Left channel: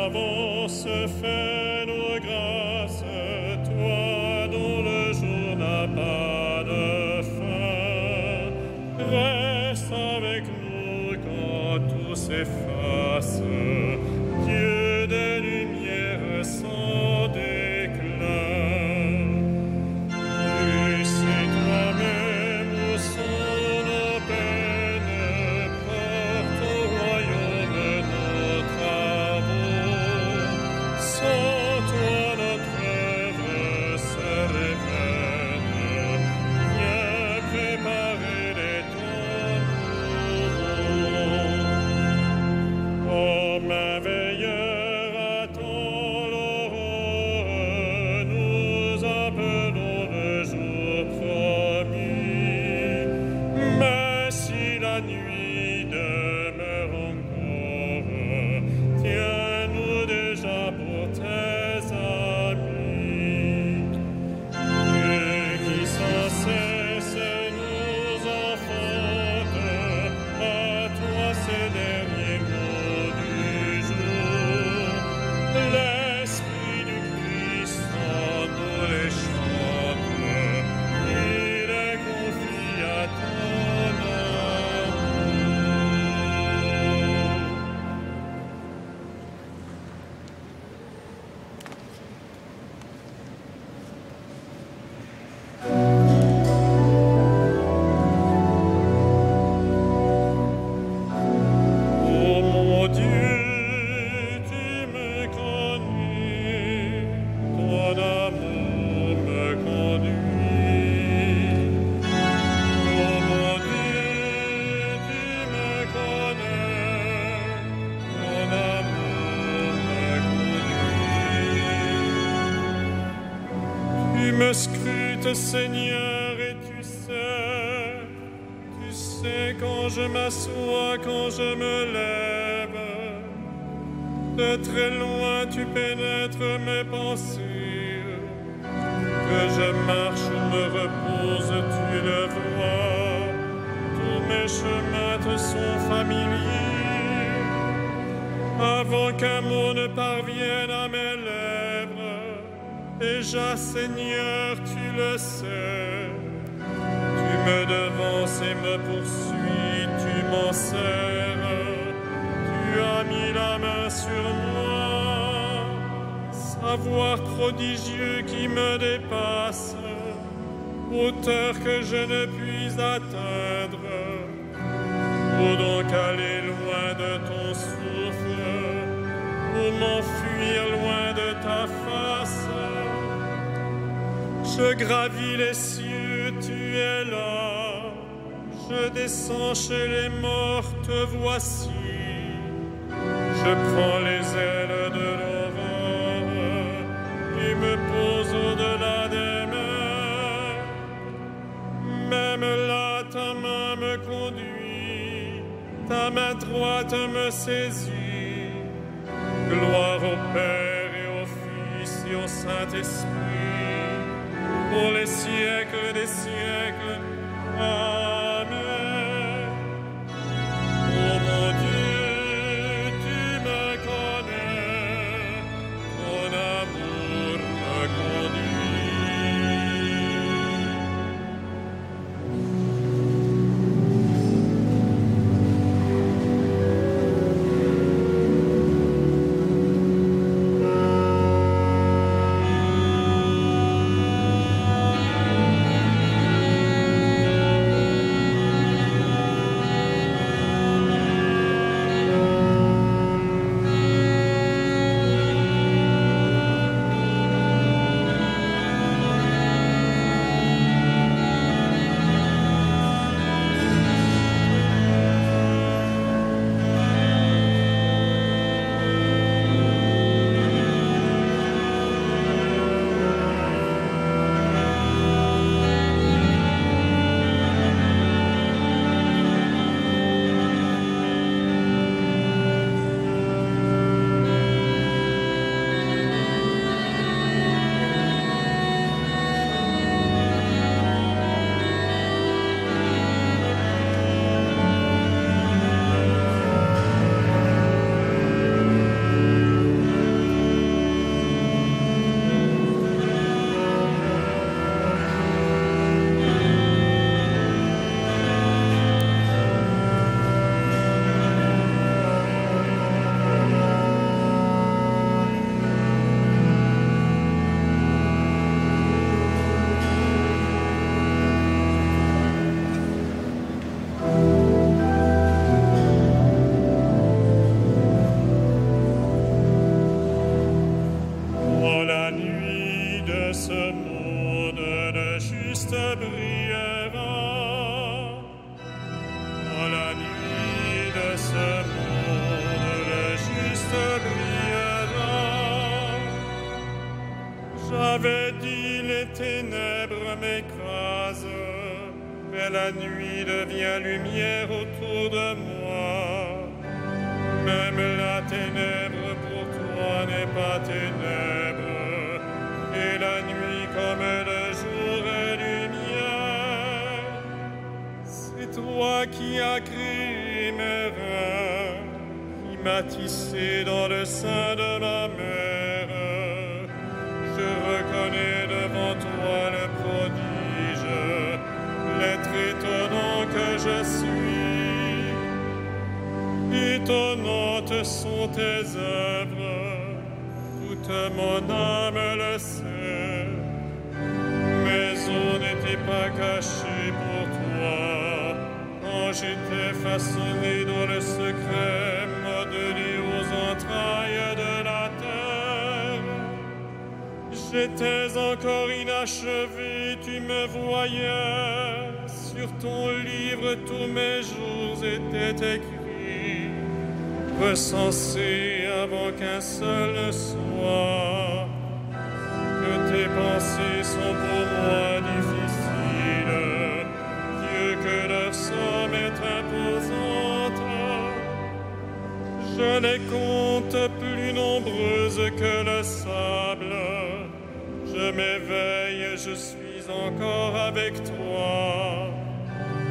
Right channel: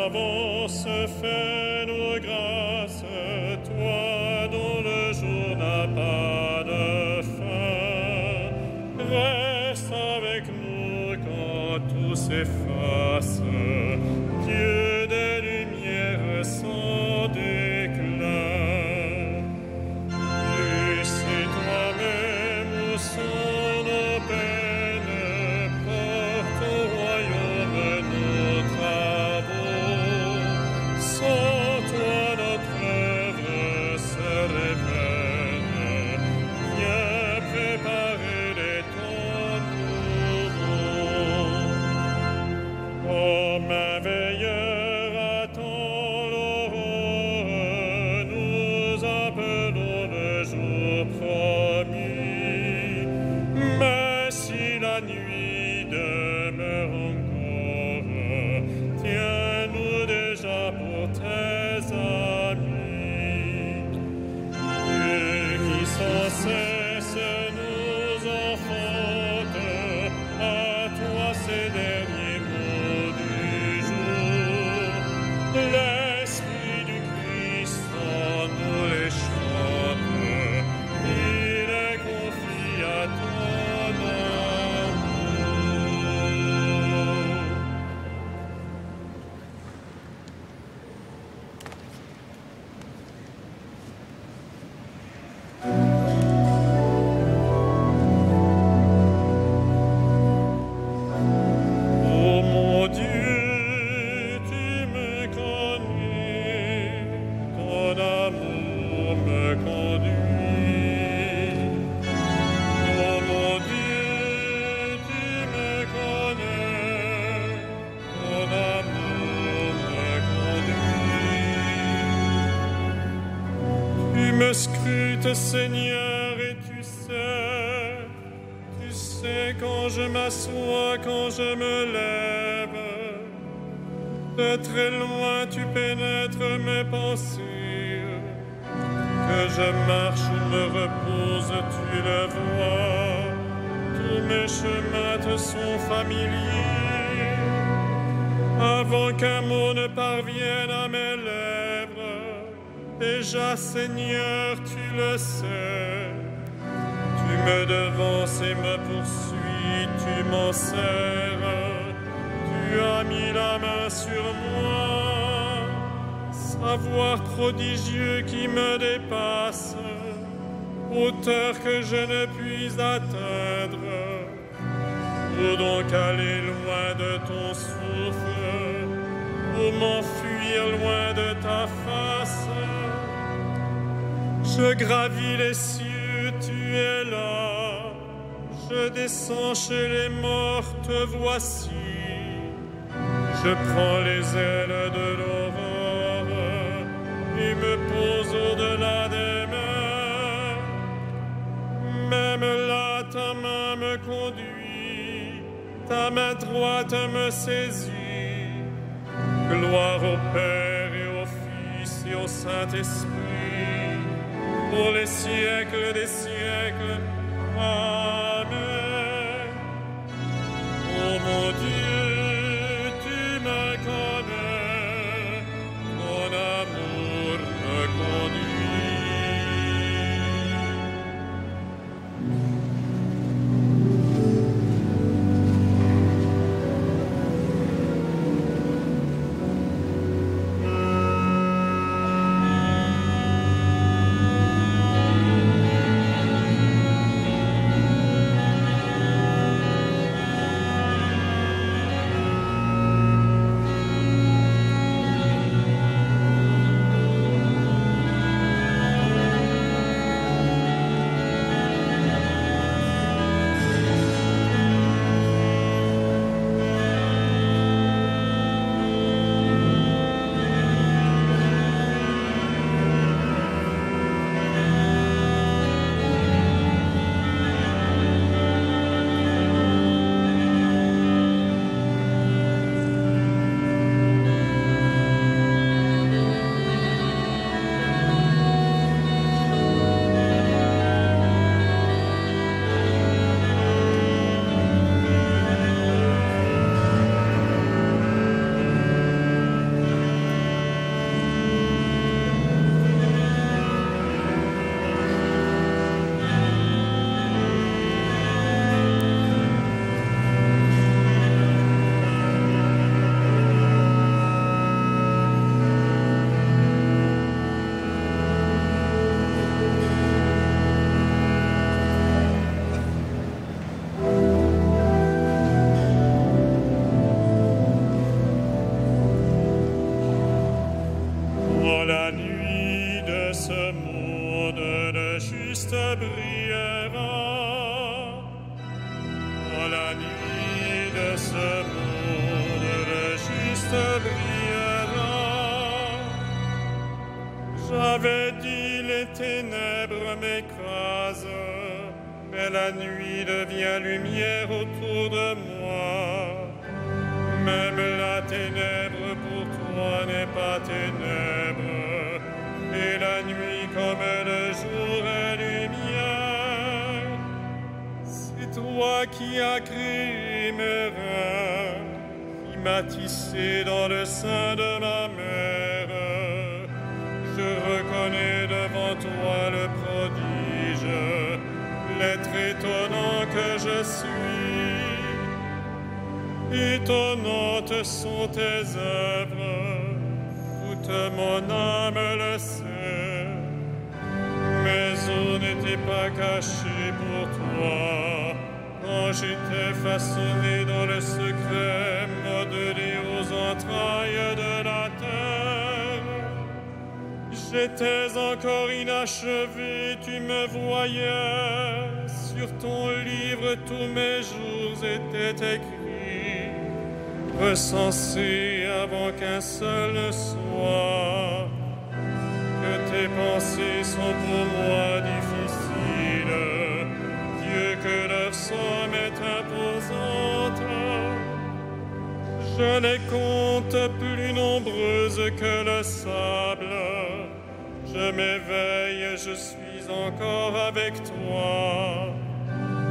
d'avance, fais-nous grâce, toi dont le jour n'a pas de fin. Reste avec nous quand tout s'efface, Dieu des lumières sans déclin. Tu sais toi-même où sont nos peines, porte au royaume nos travaux. Sans toi notre œuvre serait vaine. Viens préparer des temps nouveaux. Comme un veilleur attend l'aurore, nous appelons le jour promis. Mais si la nuit demeure encore, tiens-nous déjà pour tes amis. Dieu qui sans cesse nous enfante, à toi ces derniers mots du jour. L'Esprit du Christ en nous les chante, il les confie à ton amour. Oh mon Dieu, tu me connais, ton amour me conduit. Oh mon Dieu, tu me connais, ton amour me conduit. Tu me scrutes, Seigneur, et tu sais quand je m'assois, quand je me lève. De très loin tu pénètres mes pensées. Que je marche ou me repose, tu le vois. Tous mes chemins te sont familiers. Avant qu'un mot ne parvienne à mes lèvres, déjà, Seigneur, tu le sais. Tu me devances et me poursuis, tu m'en serres. Tu as mis la main sur moi, savoir prodigieux qui me dépasse, hauteur que je ne puis atteindre. Où donc aller loin de ton souffle, où m'enfuir loin de ta face? Je gravis les cieux, tu es là. Je descends chez les morts, te voici. Je prends les ailes de l'aurore et me pose au-delà des mers. Même là, ta main me conduit, ta main droite me saisit. Gloire au Père et au Fils et au Saint-Esprit, pour les siècles des siècles. Amen. Oh mon Dieu, tu me connais, ton amour me conduit. brillera. Dans la nuit de ce monde, le juste brillera. J'avais dit les ténèbres m'écrasent, mais la nuit devient lumière autour de moi. Même la ténèbre pour toi n'est pas ténèbre, et la nuit comme le jour est lumière. C'est toi qui as créé mes reins, qui m'as tissé dans le sein de ma mère. Je reconnais devant toi le prodige, l'être étonnant que je suis. Étonnantes sont tes œuvres, toute mon âme le sait. Mes os n'étaient pas cachés pour toi, quand j'étais façonné dans le secret, modelé aux entrailles de la terre. J'étais encore inachevé, tu me voyais. Sur ton livre, tous mes jours étaient écrits, recensés avant qu'un seul ne soit. Que tes pensées sont pour moi difficiles, Dieu, que leur somme est imposante. Je les compte plus nombreuses que le sable. Je m'éveille, je suis encore avec toi.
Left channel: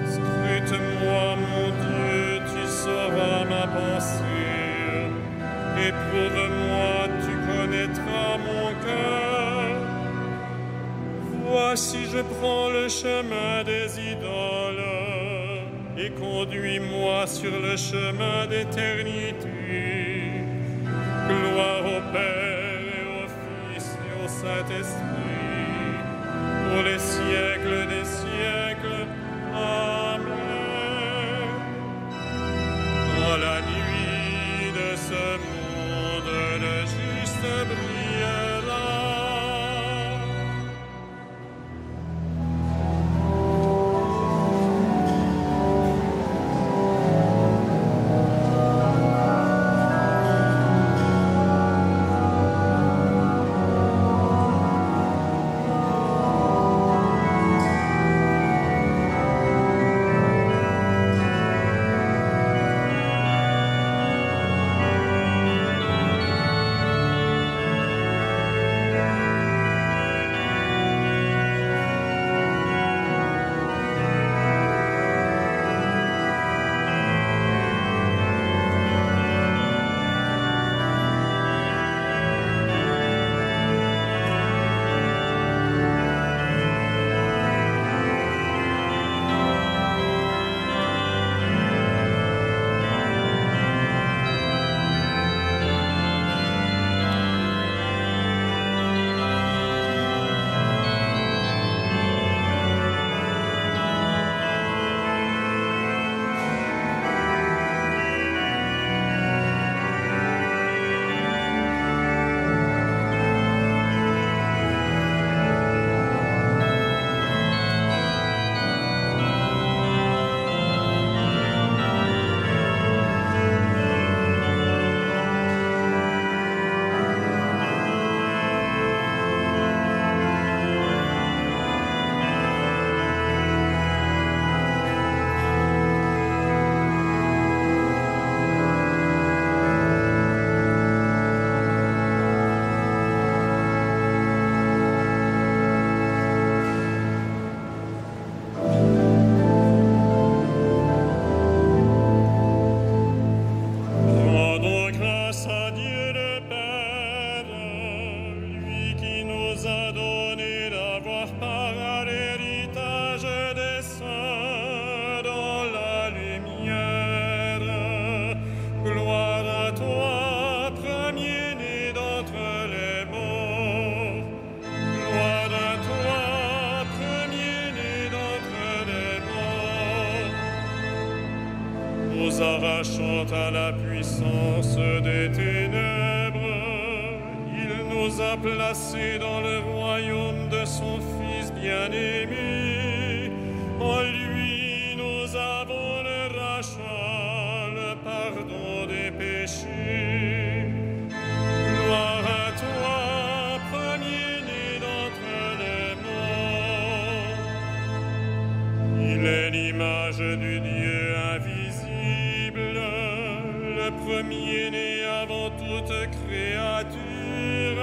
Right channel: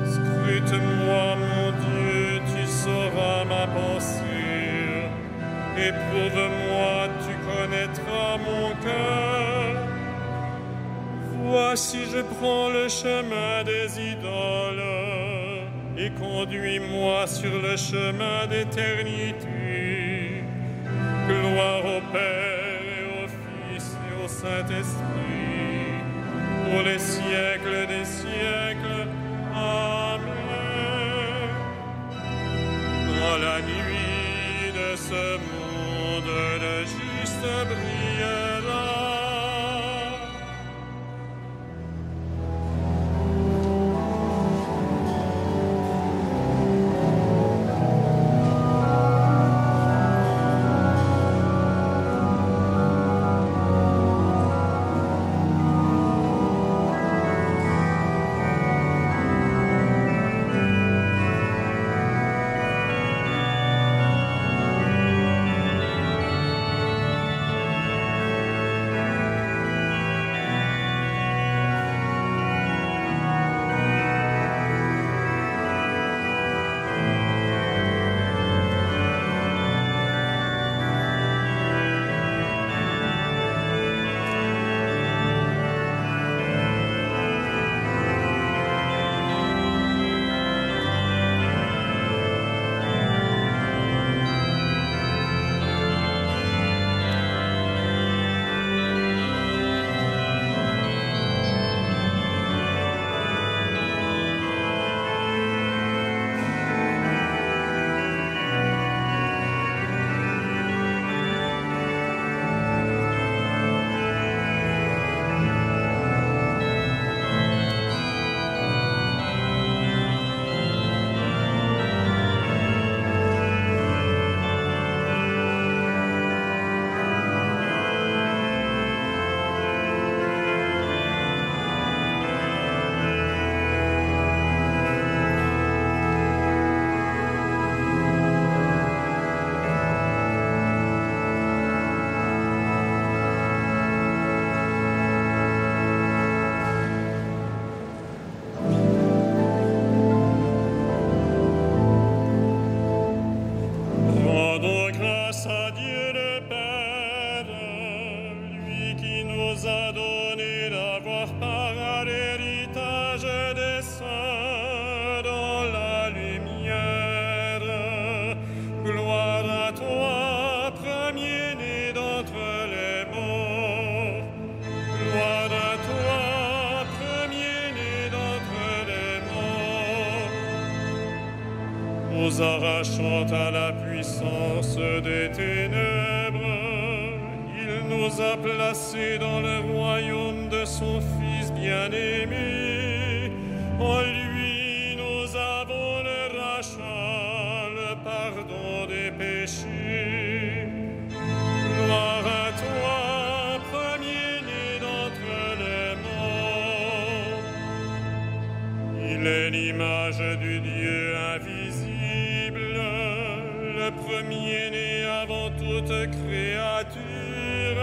Scrute-moi, mon Dieu, tu sauras ma pensée. Éprouve-moi, tu connaîtras mon cœur. Voici, je prends le chemin des idoles, et conduis-moi sur le chemin d'éternité. Gloire au Père et au Fils et au Saint-Esprit, pour les siècles des siècles. Amen. Dans la nuit de ce monde, le juste brillera. Grâce à Dieu le Père, lui qui nous a donné d'avoir part à l'héritage des saints dans la lumière. Gloire à toi, premier-né d'entre les morts. Gloire à toi, premier-né d'entre les morts. Nous arrachant à la puissance des ténèbres, il nous a placés dans le royaume de son Fils bien-aimé. En lui, nous avons le rachat, le pardon des péchés. Gloire à toi, premier-né d'entre les morts. Il est l'image du Dieu invisible, le premier-né avant toute créature.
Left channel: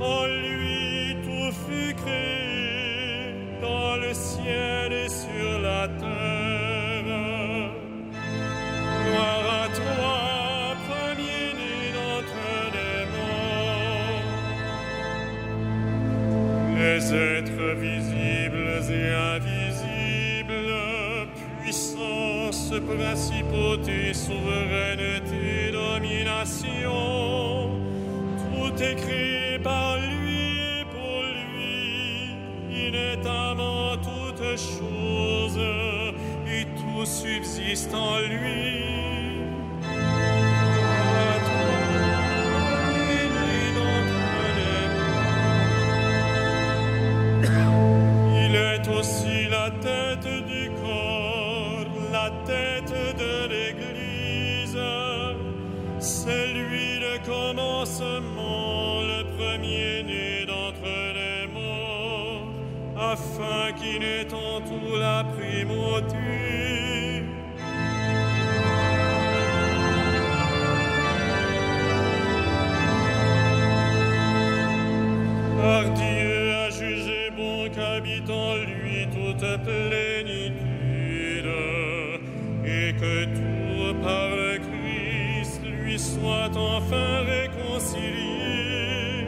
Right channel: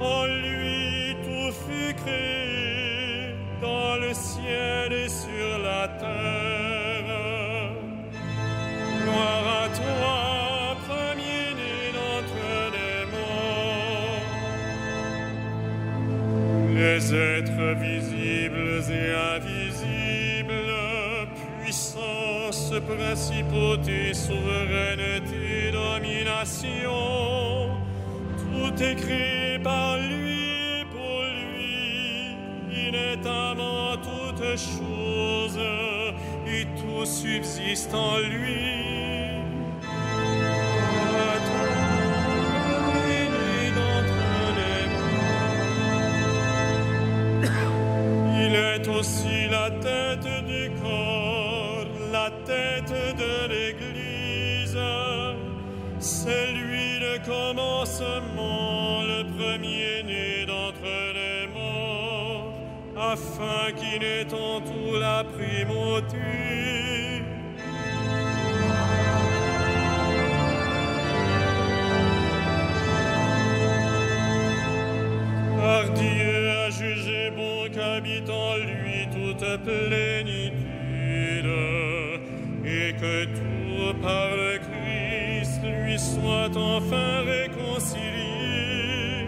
En lui, tout fut créé, dans le ciel et sur la terre. Gloire à toi, premier-né d'entre les morts. Les êtres visibles et invisibles, puissance, principauté, souveraineté, domination, tout est créé par lui et pour lui. Il est avant toutes choses et tout subsiste en lui. À toi, premier-né d'entre les morts. Il est aussi la tête du corps, la tête de l'Église. C'est lui le commencement, le premier-né d'entre les morts, afin qu'il ait en tout la primauté. Car Dieu a jugé bon qu'habite en lui toute plénitude, et que tout par le Christ lui soit enfin réconcilié,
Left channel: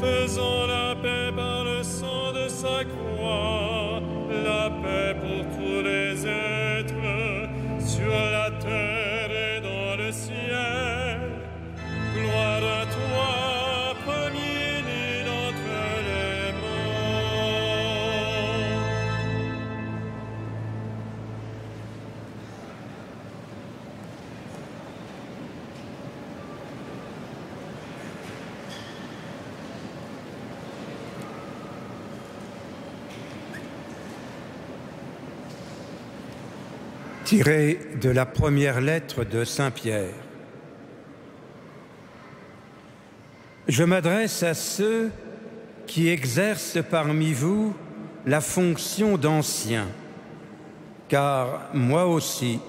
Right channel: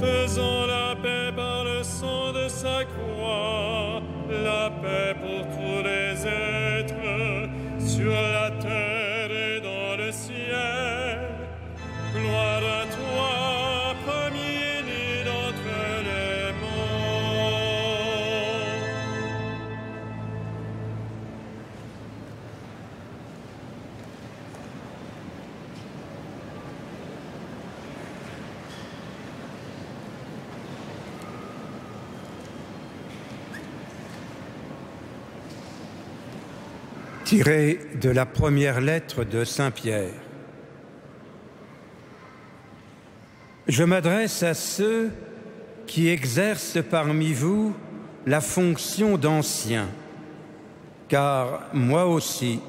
faisant la paix par le sang de sa croix, la paix pour tous les êtres, sur la terre et dans le ciel. Gloire à toi, premier-né d'entre les morts. Tiré de la première lettre de Saint Pierre. Je m'adresse à ceux qui exercent parmi vous la fonction d'anciens, car moi aussi,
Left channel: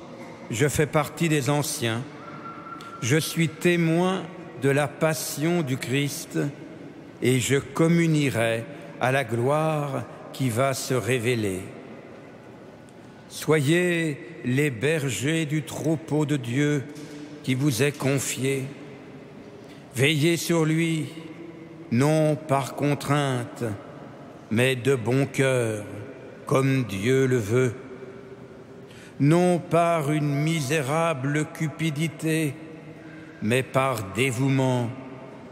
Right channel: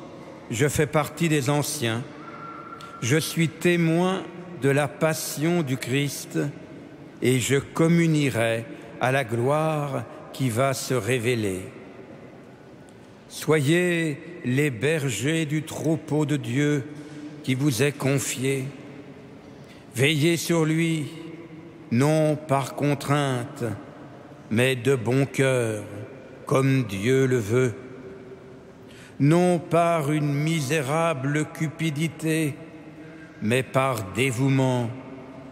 je fais partie des anciens. Je suis témoin de la passion du Christ et je communierai à la gloire qui va se révéler. Soyez les bergers du troupeau de Dieu qui vous est confié. Veillez sur lui, non par contrainte, mais de bon cœur, comme Dieu le veut. Non par une misérable cupidité, mais par dévouement,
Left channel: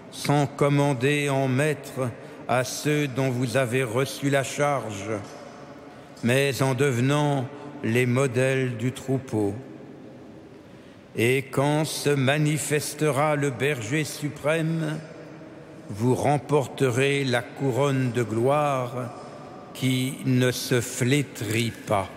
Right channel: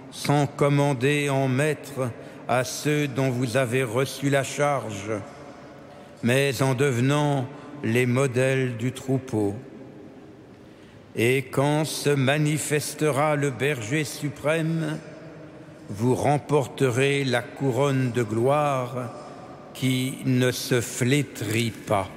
sans commander en maître à ceux dont vous avez reçu la charge, mais en devenant les modèles du troupeau. Et quand se manifestera le berger suprême, vous remporterez la couronne de gloire qui ne se flétrit pas.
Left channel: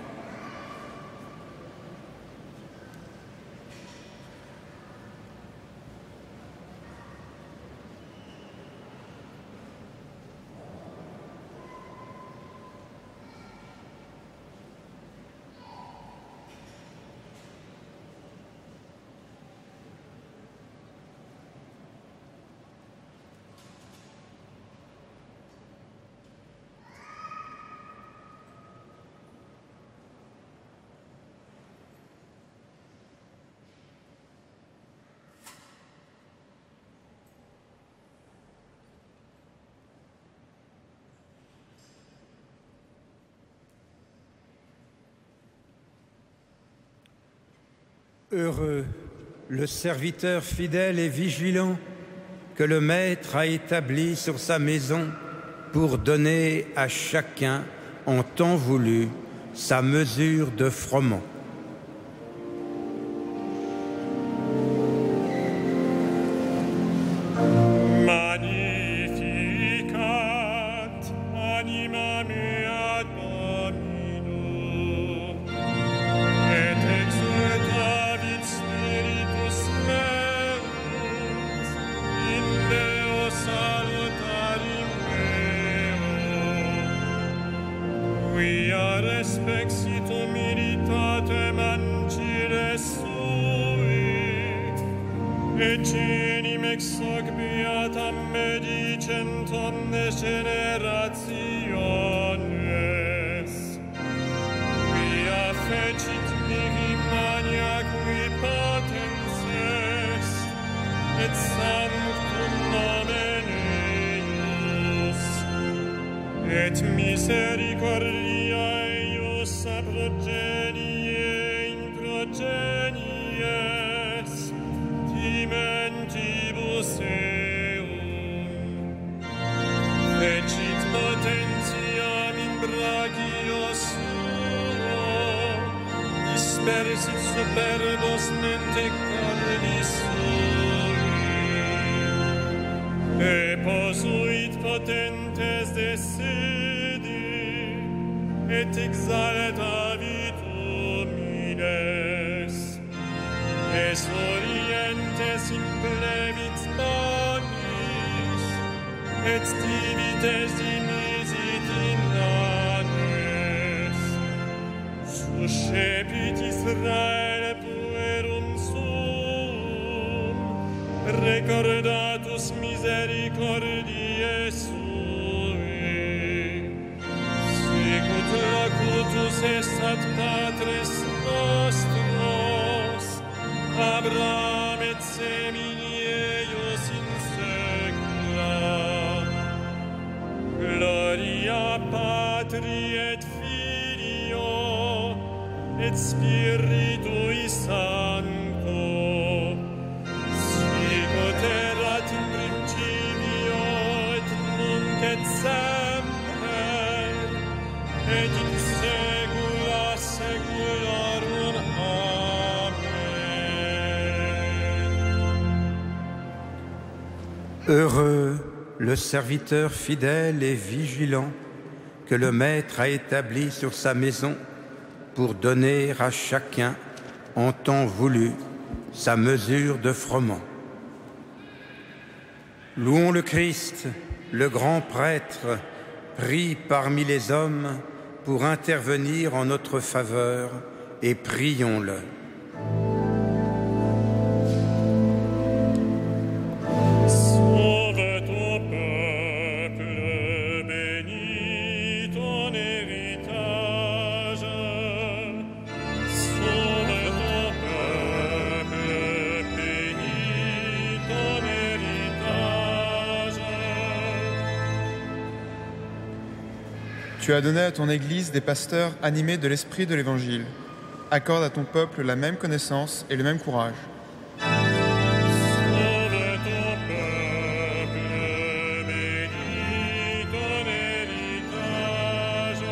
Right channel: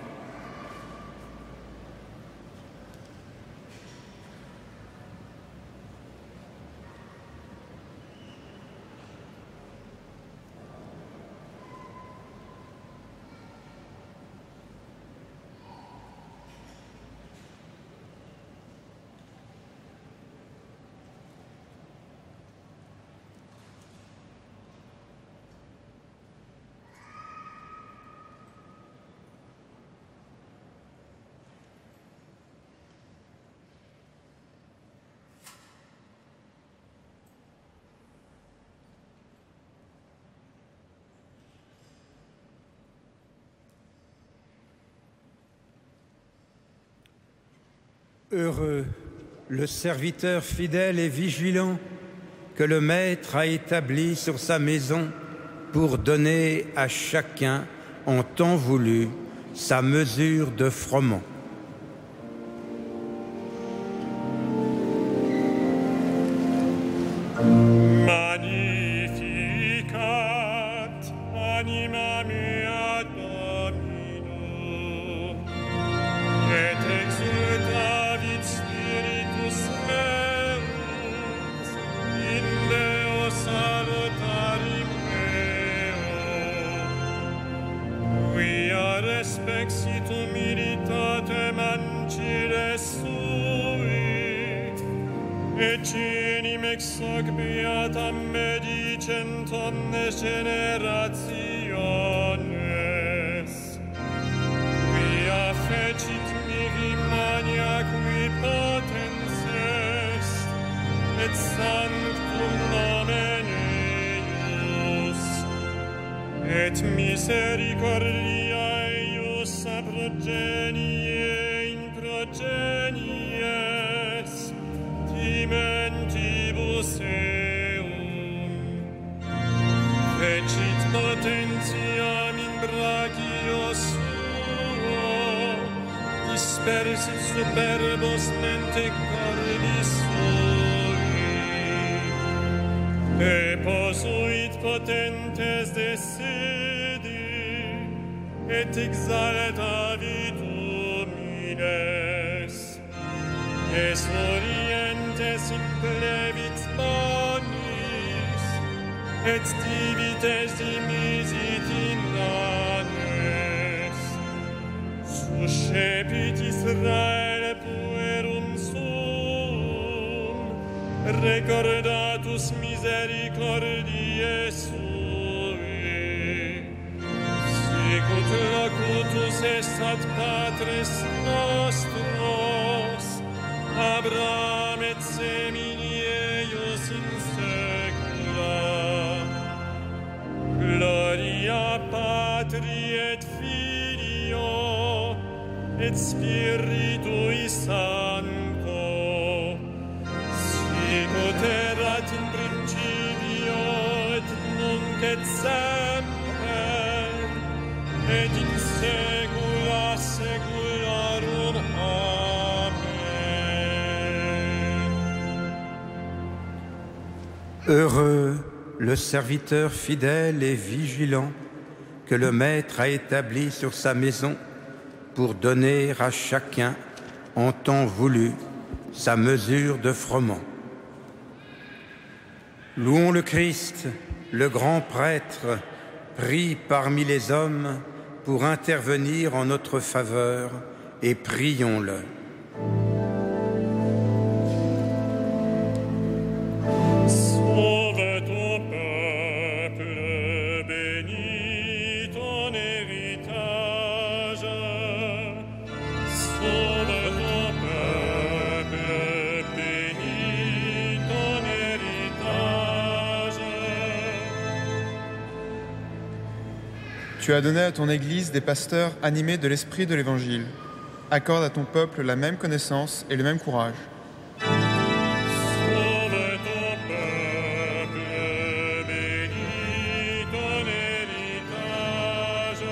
Heureux le serviteur fidèle et vigilant que le Maître a établi sur sa maison pour donner à chacun en temps voulu sa mesure de froment. Magnificat anima mea Domine. exit humilitatem ancile sui, et genim ex hoc beatam medicent omnes generationes, quia fecit mihi maniacui potens est, et sanctum nomen eius, et misericordia eius a progenie in progenies, dimentibus eum. Fecit potentiam in brachio suo, dispersit superbos mente cordis sui, e posuit potentes de sedi, et exaltavit homines, es orientes implevit bonis, et divides dimisit in annes. Suscepit Israel puerum suum, recordatus misericordiae sui, sicut locutus est ad patres nostros, Abraham et semini eius in saecula. Gloria Patri et Filio et Spiritui Sancto, sicut erat in principio et nunc et semper et in saecula saeculorum. Amen. Heureux le serviteur fidèle et vigilant que le Maître a établi sur sa maison pour donner à chacun, en temps voulu, sa mesure de froment. Louons le Christ, le grand prêtre, pris parmi les hommes pour intervenir en notre faveur, et prions-le. Sauve ton peuple, bénis ton héritage. Sauve ton peuple, bénis ton héritage. Tu as donné à ton Église des pasteurs animés de l'esprit de l'Évangile. Accorde à ton peuple la même connaissance et le même courage. Sauve ton peuple, bénis ton héritage.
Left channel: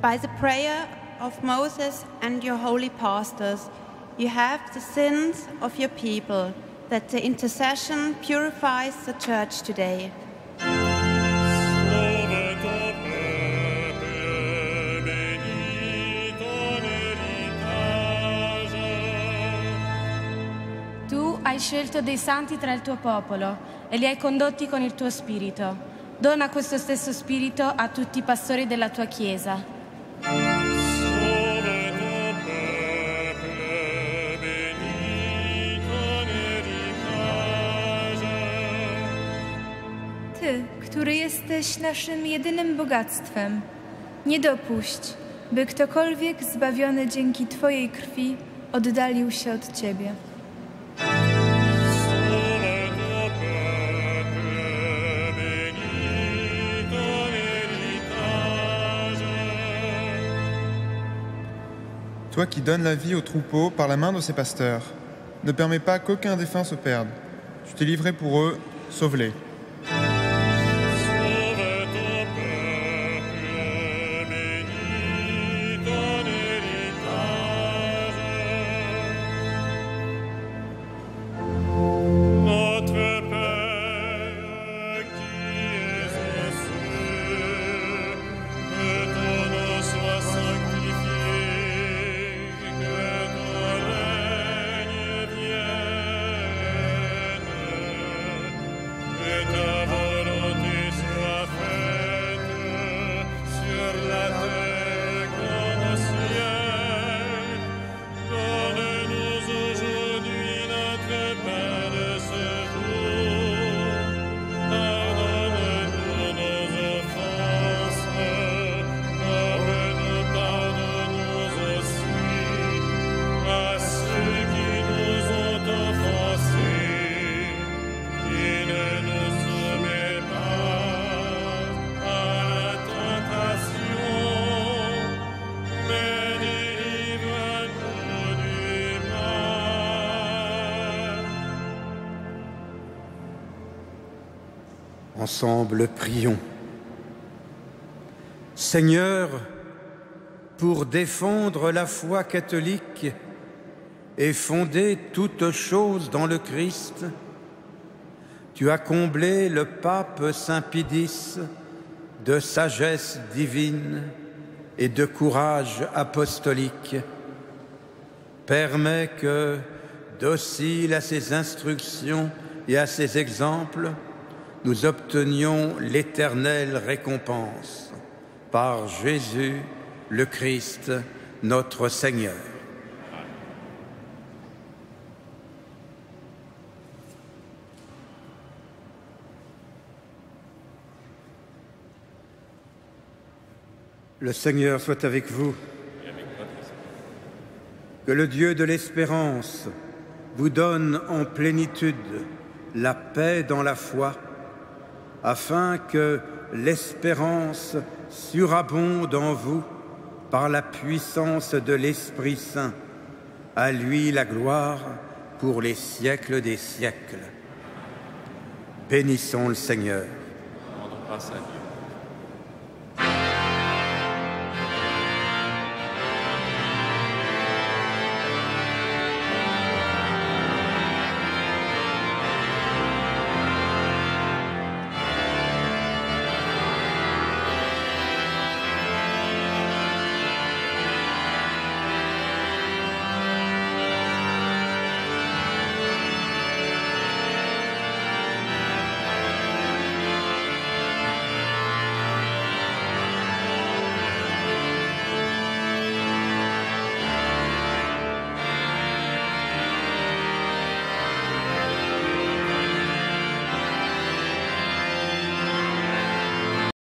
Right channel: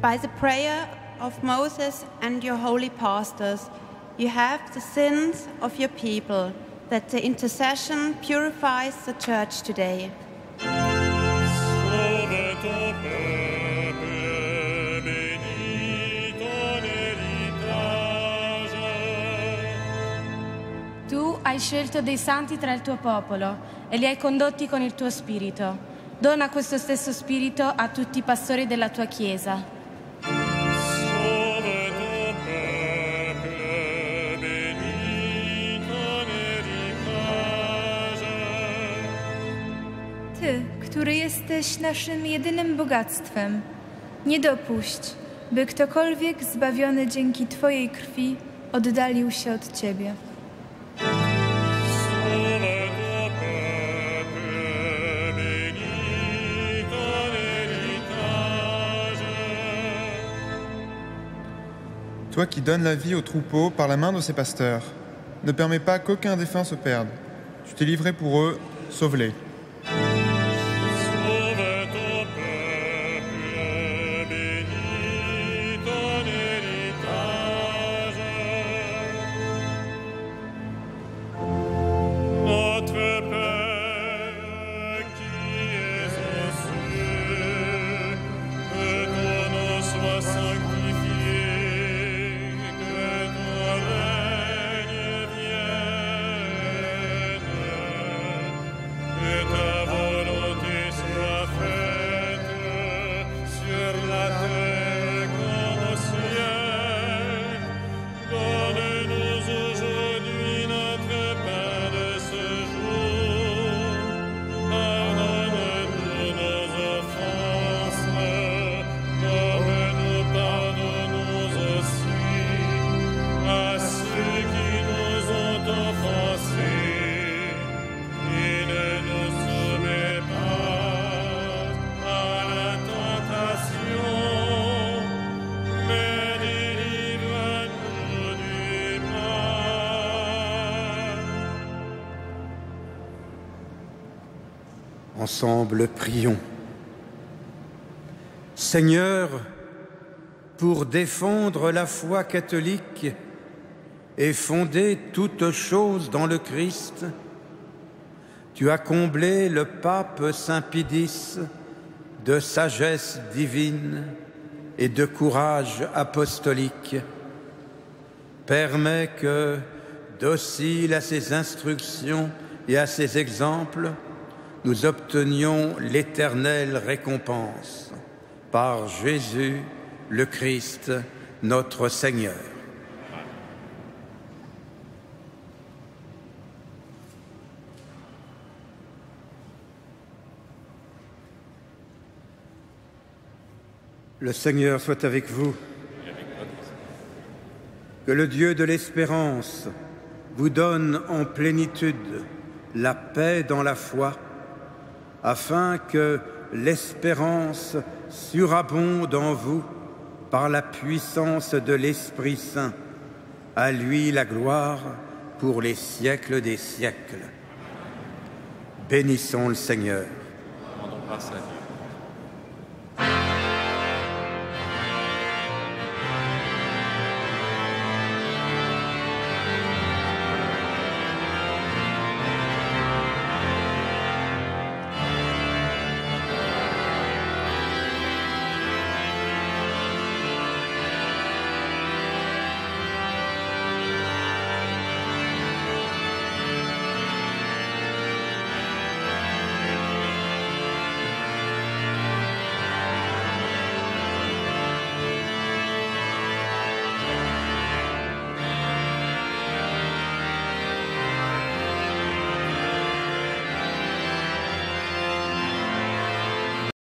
By the prayer of Moses and your holy pastors, you have the sins of your people, that the intercession purifies the church today. Sauve ton peuple, bénis ton héritage. Tu hai scelto dei santi tra il tuo popolo e li hai condotti con il tuo spirito. Dona questo stesso spirito a tutti i pastori della tua Chiesa. Sauve ton peuple, bénis ton héritage. Ty, który jesteś naszym jedynym bogactwem, nie dopuść, by ktokolwiek zbawiony dzięki Twojej krwi oddalił się od Ciebie. Sauve ton peuple, bénis ton héritage. Toi qui donnes la vie aux troupeaux par la main de ses pasteurs, ne permets pas qu'aucun défunt se perde. Tu t'es livré pour eux, sauve-les. Sauve ton peuple, bénis ton héritage. Notre Père qui es aux cieux, que ton nom soit sanctifié, que ton règne vienne, que Ensemble, prions. Seigneur, pour défendre la foi catholique et fonder toutes choses dans le Christ, tu as comblé le pape Saint Pie X de sagesse divine et de courage apostolique. Permets que, dociles à ses instructions et à ses exemples, nous obtenions l'éternelle récompense. Par Jésus, le Christ, notre Seigneur. Le Seigneur soit avec vous. Que le Dieu de l'espérance vous donne en plénitude la paix dans la foi, afin que l'espérance surabonde en vous par la puissance de l'Esprit Saint. À lui la gloire pour les siècles des siècles. Bénissons le Seigneur. Rendons grâce à Dieu.